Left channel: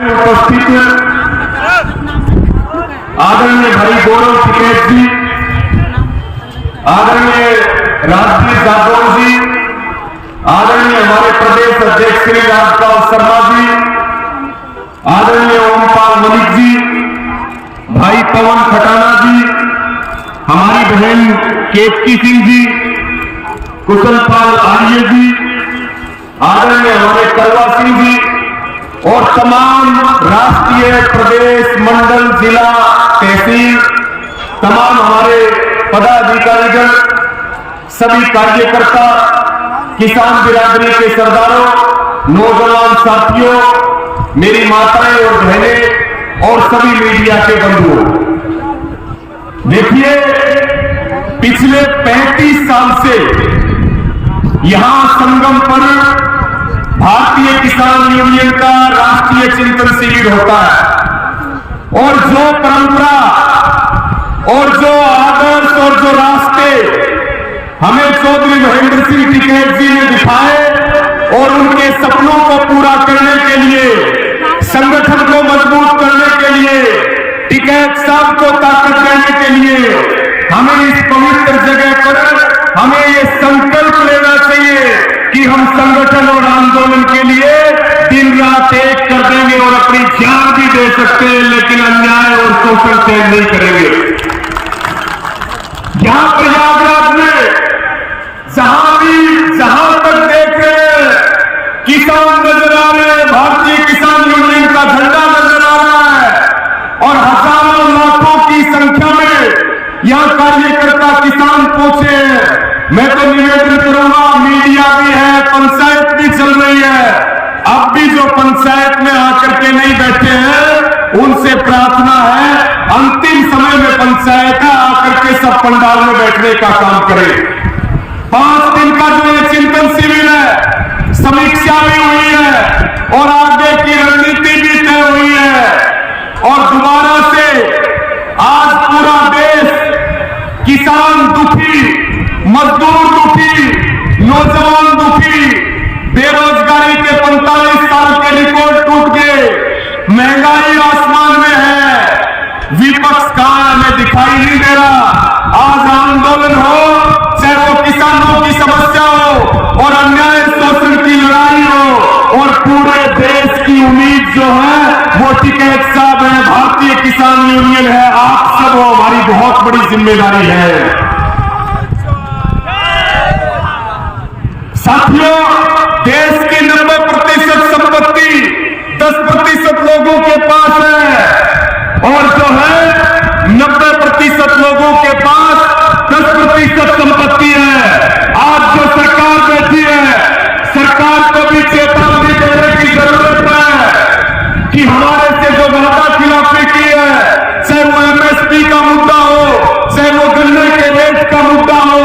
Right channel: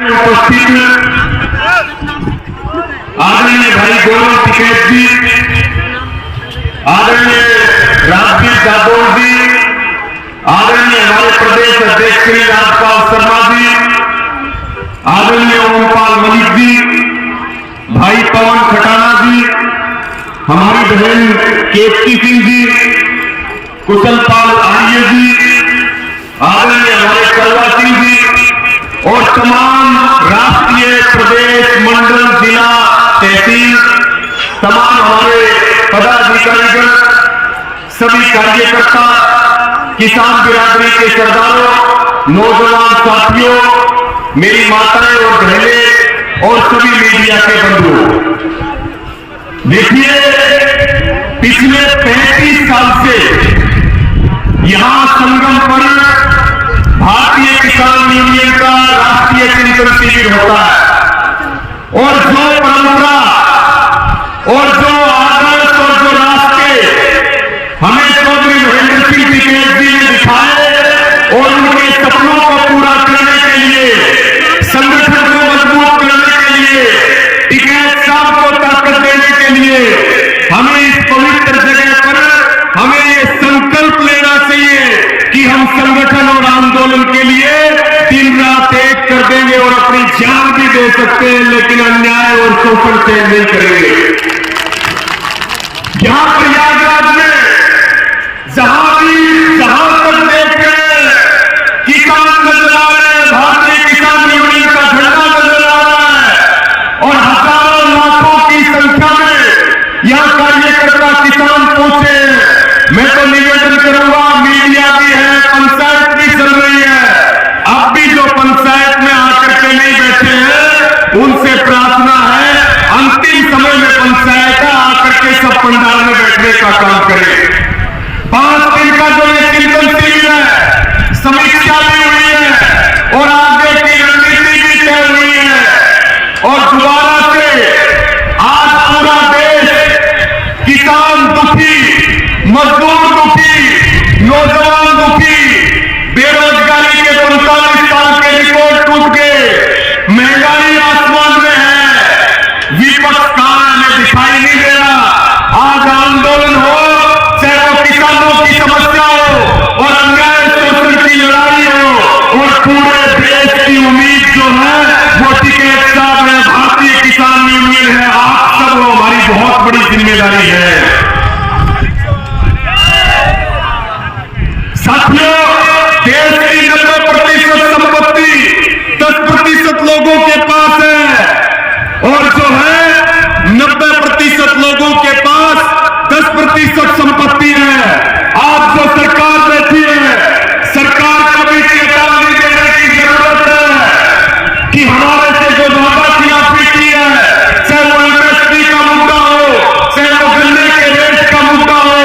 उपस्थित आदरणीय भाई गौरव टिकैत जी, आदरणीय राजवीर जादव जी, आदरणीय हमारे प्रदेश अध्यक्ष श्री राजपाल शर्मा जी, आदरणीय ओमपाल मलिक जी, भाई पवन खटाना जी, हमारी बहन केतकी सिंह जी, कुशलपाल आर्य जी, आदरणीय हमारे कलवा सिंह जी और तमाम राष्ट्रीय प्रदेश मंडल जिला तहसील तमाम हमारे पदाधिकारीगण, सभी कार्यकर्ता, किसान बिरादरी के सरदारों, नौजवान साथियों, मेरी माताएं और बहनें और सभी मीडिया के बंधुओं, देखिए पिछले 35 साल से यहां संगम पर भारतीय किसान यूनियन का राष्ट्रीय चिंतन शिविर होता है और जो परंपरा और जो आदर्श और जो रास्ते हमें चौधरी महेंद्र सिंह टिकैत जी ने दिखाए और उनके सपनों को पूरा करने के लिए, संगठन को मजबूत करने के लिए, टिकैत साहब को ताकत देने के लिए हमें इस पवित्र जगह पर हमें ये संकल्प लेना चाहिए कि हम संगठन और आंदोलन के लिए दिन रात एक कर देंगे और अपनी जान भी दे सकते हैं, लेकिन अन्याय और शोषण से नहीं करेंगे। यहां प्रयागराज में जहां तक देखे किसान नजर आ रहे हैं, भारतीय किसान यूनियन का झंडा नजर आ रहा है और हजारों लाखों की संख्या में यहां कार्यकर्ता किसान पहुंचे हैं। मैं तो निवेदन करूंगा, मीडिया भी है, पंचायत भी चल रही है, अब भी जो पंचायत में आकर के नहीं बैठे हैं उनसे प्रार्थना है अंतिम समय में पंचायत है आकर के सब पंडाल में बैठने का काम करें। 5 दिन का जो ये चिंतन शिविर है, समीक्षा भी हुई है और आगे की रणनीति भी तय हुई है और दोबारा से आज पूरा देश किसान दुखी, मजदूर दुखी, नौजवान दुखी, बेरोजगारी के 45 साल के रिकॉर्ड टूट गए, महंगाई आसमान में है, विपक्ष कहां हमें दिखाई नहीं दे रहा। आज आंदोलन हो, चाहे वो किसानों की समस्या हो और अन्याय शोषण की लड़ाई हो और पूरे देश की उम्मीद जो है वो टिकैत साहब है, भारतीय किसान यूनियन है, आप सब हो, हमारी बहुत बड़ी जिम्मेदारी है। साथियों, देश की 90% संपत्ति 10% लोगों के पास है और जो है 90% लोगों के पास 10% संपत्ति है। आज जो सरकार बैठी है, सरकार को भी चेतावनी देने की जरूरत है कि हमारे से जो वादा खिलाफी की है, चाहे वो एमएसपी का मुद्दा हो, चाहे वो गन्ने के रेट का मुद्दा हो,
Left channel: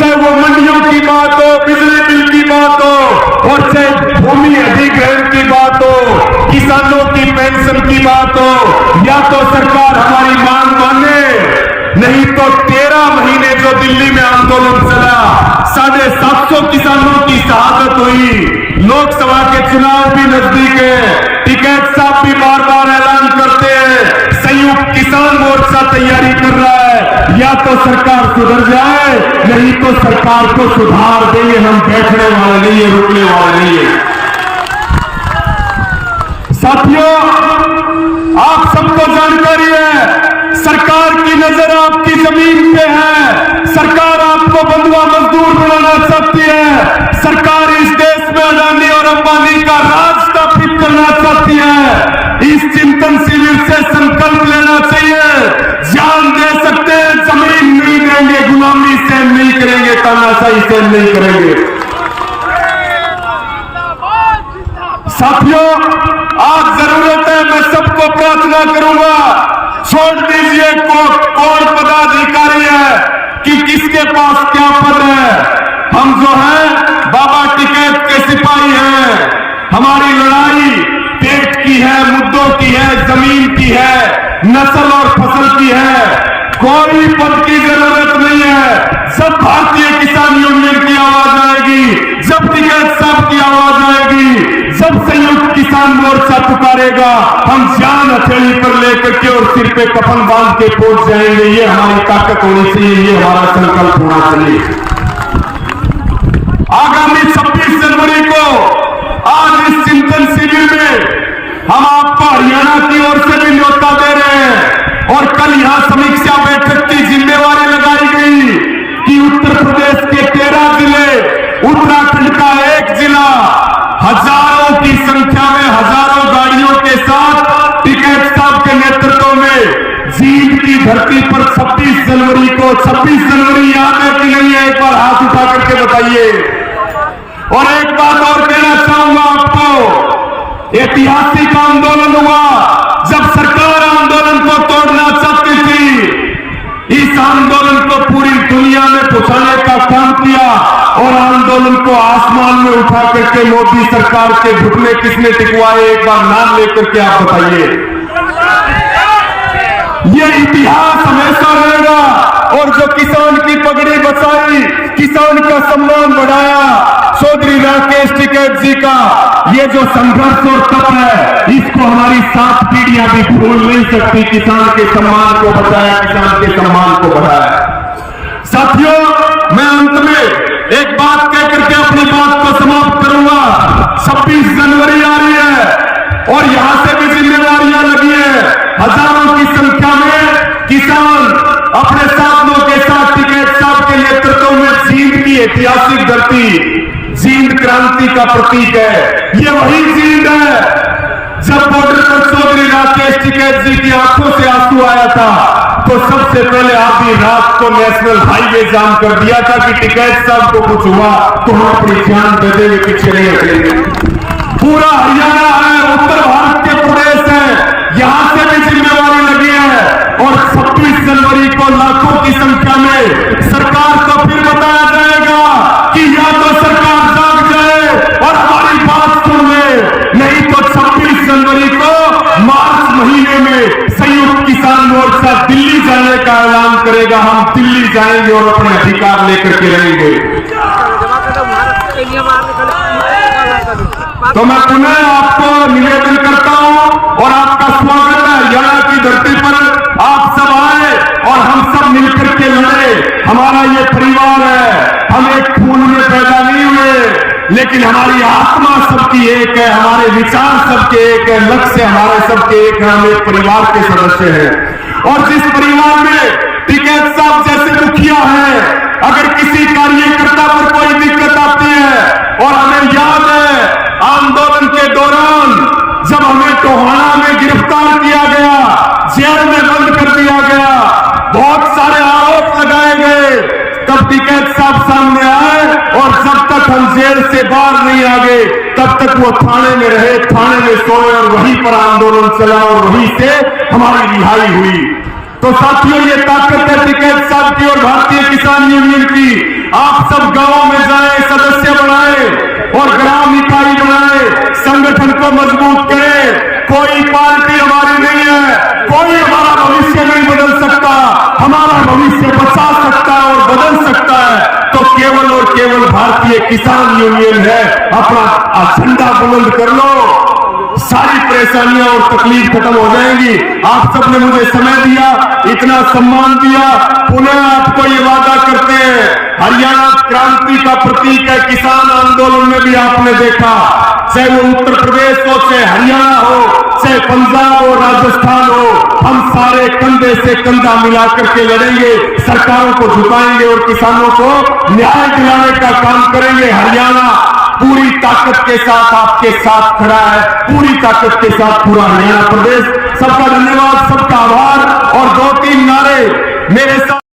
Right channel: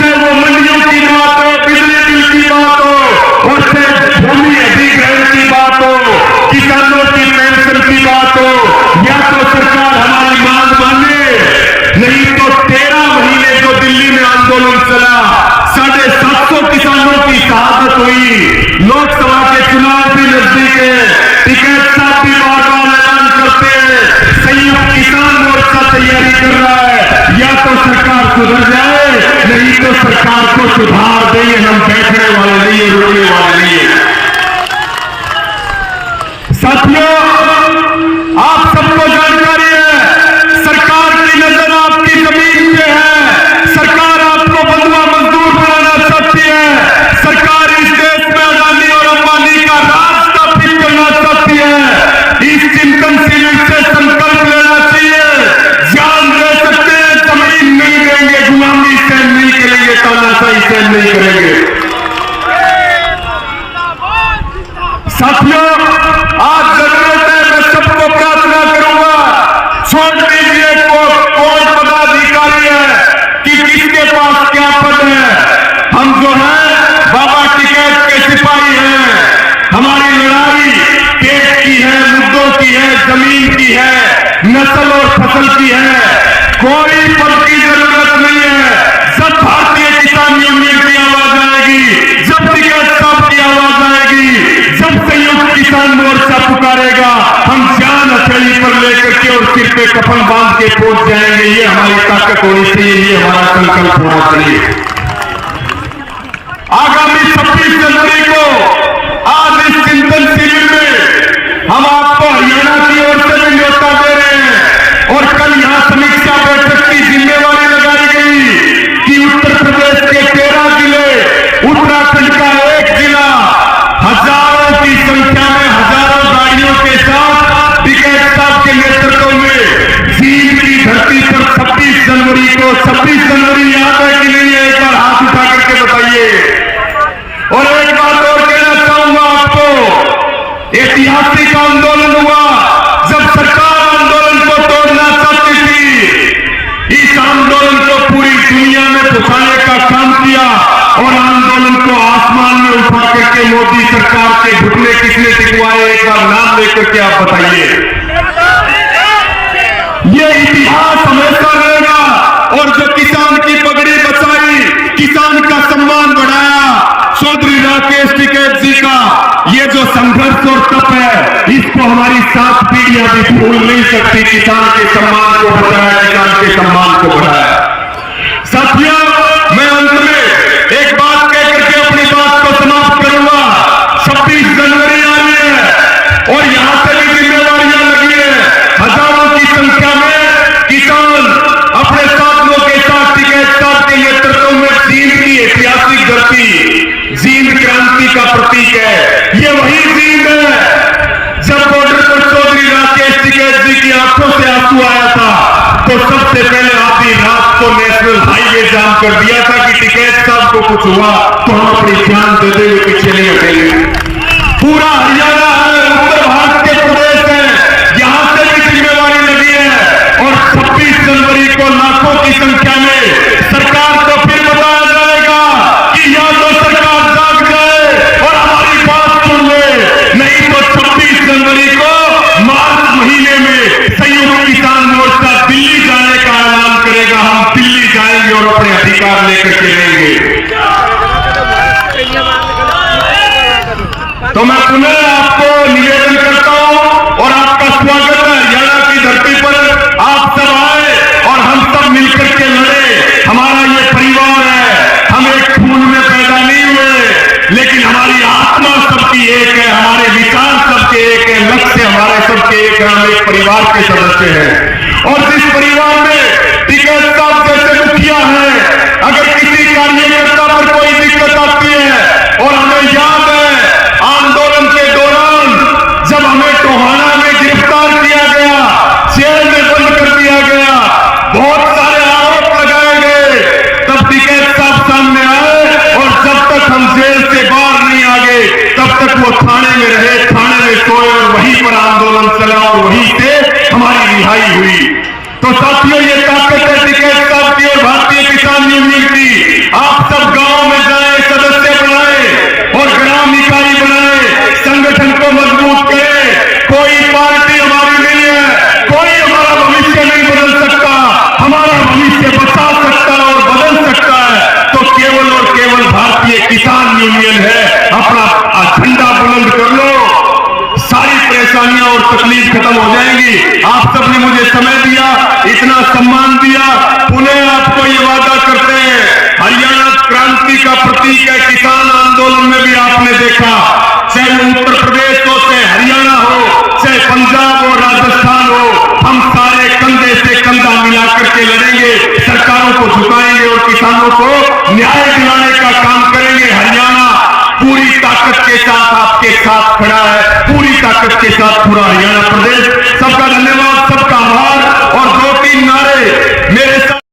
चाहे वो मंडियों की बात हो, बिजली बिल की बात हो और चाहे भूमि अधिग्रहण की बात हो, किसानों की पेंशन की बात हो, या तो सरकार हमारी मांग माने, नहीं तो 13 महीने जो दिल्ली में आंदोलन चला, 750 किसानों की शहादत हुई, लोकसभा के चुनाव भी नजदीक है, टिकैत साहब भी बार बार ऐलान करते हैं, संयुक्त किसान मोर्चा तैयारी कर रहा है, या तो सरकार सुधर जाए नहीं तो सरकार को सुधार देंगे, हम बैठने वाले नहीं है, रुकने वाले नहीं है। साथियों, आप सबको जानकारी है, सरकार की नजर आपकी जमीन पे है, सरकार आपको बंधुआ मजदूर बनाना चाहती है, सरकार इस देश में अडानी और अंबानी का राज स्थापित करना चाहती है। इस चिंतन शिविर से संकल्प लेना चाहिए, जान दे सकते हैं, जमीन नहीं देंगे, गुलामी सहन नहीं करेंगे, तानाशाही सहन नहीं करेंगे। साथियों, आज जरूरत है, मैं सबको प्रार्थना करूंगा, छोड़ दीजिए कौन पदाधिकारी है कि किसके पास क्या पद है। हम जो है बाबा टिकैत के सिपाही हैं, हमारी लड़ाई देश की है, मुद्दों की है, जमीन की है, नस्ल और फसल की है, कोई पद की जरूरत नहीं है। जब भारतीय किसान यूनियन की आवाज आएगी, जब टिकैत साहब की आवाज आएगी, जब संयुक्त किसान किसान मोर्चा पुकारेगा, हम जान हथेली पर लेकर के और सिर पे कफन बांध के पहुंच जाएंगे। ये हमारी ताकत होनी चाहिए, ये हमारा संकल्प होना चाहिए। आगामी 26 जनवरी को आज इस चिंतन शिविर में हम आपको हरियाणा की ओर से भी न्योता दे रहे हैं और कल यहां समीक्षा बैठक की जिम्मेवारी लगाई गई कि उत्तर प्रदेश के 13 जिले, उत्तराखंड का 1 जिला, हजारों की संख्या में हजारों गाड़ियों के साथ टिकैत साहब के नेतृत्व में जींद की धरती पर 26 जनवरी को, 26 जनवरी याद है कि नहीं है? एक बार हाथ उठा करके बताइए। और एक बात और कहना चाहूंगा आपको, ऐतिहासिक आंदोलन हुआ जब सरकार आंदोलन को तोड़ना चाहती थी। इस आंदोलन को पूरी दुनिया में पहुंचाने का काम किया और आंदोलन को आसमान में उठा करके मोदी सरकार के घुटने किसने टिकवाए? एक बार नाम लेकर के आप बताइए। ये इतिहास हमेशा रहेगा। और जो किसान की पगड़ी बचाई, किसान का सम्मान बढ़ाया, चौधरी राकेश टिकैत जी का ये जो संघर्ष और तप है, इसको हमारी 7 पीढ़ियां भी भूल नहीं सकती। किसान के सम्मान को बचाया, किसान के सम्मान को बढ़ाया। साथियों, मैं अंत में एक बात कह करके अपनी बात को समाप्त करूंगा। 26 जनवरी आ रही है और यहां से भी जिम्मेवारियां लगी है। हजारों की संख्या में किसान अपने साथियों के साथ टिकैत साहब के नेतृत्व में जींद की ऐतिहासिक धरती, जींद क्रांति का प्रतीक है। ये वही जींद है जब बॉर्डर पर चौधरी राकेश टिकैत जी की आंखों से आंसू आया था तो सबसे पहले आधी रात को नेशनल हाईवे जाम कर दिया था कि टिकैत साहब को कुछ हुआ तो हम अपनी जान दे देंगे, पीछे नहीं हटेंगे। पूरा हरियाणा है, उत्तर भारत के प्रदेश है, यहां से भी जिम्मेवारी लगी है। और 26 जनवरी को लाखों की संख्या में सरकार को फिर बताया जाएगा कि या तो सरकार जाग जाए और हमारी बात सुन ले, नहीं तो 26 जनवरी को मार्च महीने में संयुक्त किसान मोर्चा दिल्ली जाने का ऐलान करेगा। हम दिल्ली जाएंगे और अपने अधिकार लेकर के रहेंगे। तो मैं पुनः आपको निवेदन करता हूं और आपका स्वागत है। हरियाणा की धरती पर आप सब आए और हम सब मिलकर के लड़े। हमारा ये परिवार है, हम एक खून में पैदा नहीं हुए, लेकिन हमारी आत्मा सबकी एक है, हमारे विचार सबके एक है, लक्ष्य हमारे सबके एक है। हम एक परिवार के सदस्य हैं और जिस परिवार में टिकैत साहब जैसे मुखिया है, अगर किसी कार्यकर्ता पर कोई दिक्कत आती है, और हमें याद है आंदोलन के दौरान जब हमें टोहाना में गिरफ्तार किया गया, जेल में बंद कर दिया गया, बहुत सारे आरोप लगाए गए, तब टिकैत साहब सामने आए और जब तक हम जेल से बाहर नहीं आ गए तब तक वो थाने में रहे, थाने में सोए और वहीं पर आंदोलन चला और वहीं से हमारी रिहाई हुई। तो साथियों, ये ताकत है टिकैत साहब की और भारतीय किसान यूनियन की। आप सब गांव में जाएं, सदस्य बनाएं और ग्राम इकाई बनाएं, संगठन को मजबूत करें। कोई पार्टी हमारी नहीं है, कोई हमारा भविष्य नहीं बदल सकता। हमारा भविष्य बचा सकता है और बदल सकता है तो केवल और केवल भारतीय किसान यूनियन है। अपना झंडा बुलंद कर लो, सारी परेशानियां और तकलीफ खत्म हो जाएंगी। आप सबने मुझे समय दिया, इतना सम्मान दिया, पुनः आपको ये वादा करते हैं, हरियाणा क्रांति का प्रतीक है। किसान आंदोलन में भी आपने देखा, चाहे वो उत्तर प्रदेश हो, चाहे हरियाणा हो, चाहे पंजाब हो, राजस्थान हो, हम सारे कंधे से कंधा मिलाकर के लड़ेंगे, सरकारों को झुकाएंगे और किसानों को न्याय दिलाने का काम करेंगे। हरियाणा पूरी ताकत के साथ आपके साथ खड़ा है, पूरी ताकत के साथ पूरा हरियाणा प्रदेश। सबका धन्यवाद, सबका आभार और 2-3 नारे मेरे साथ।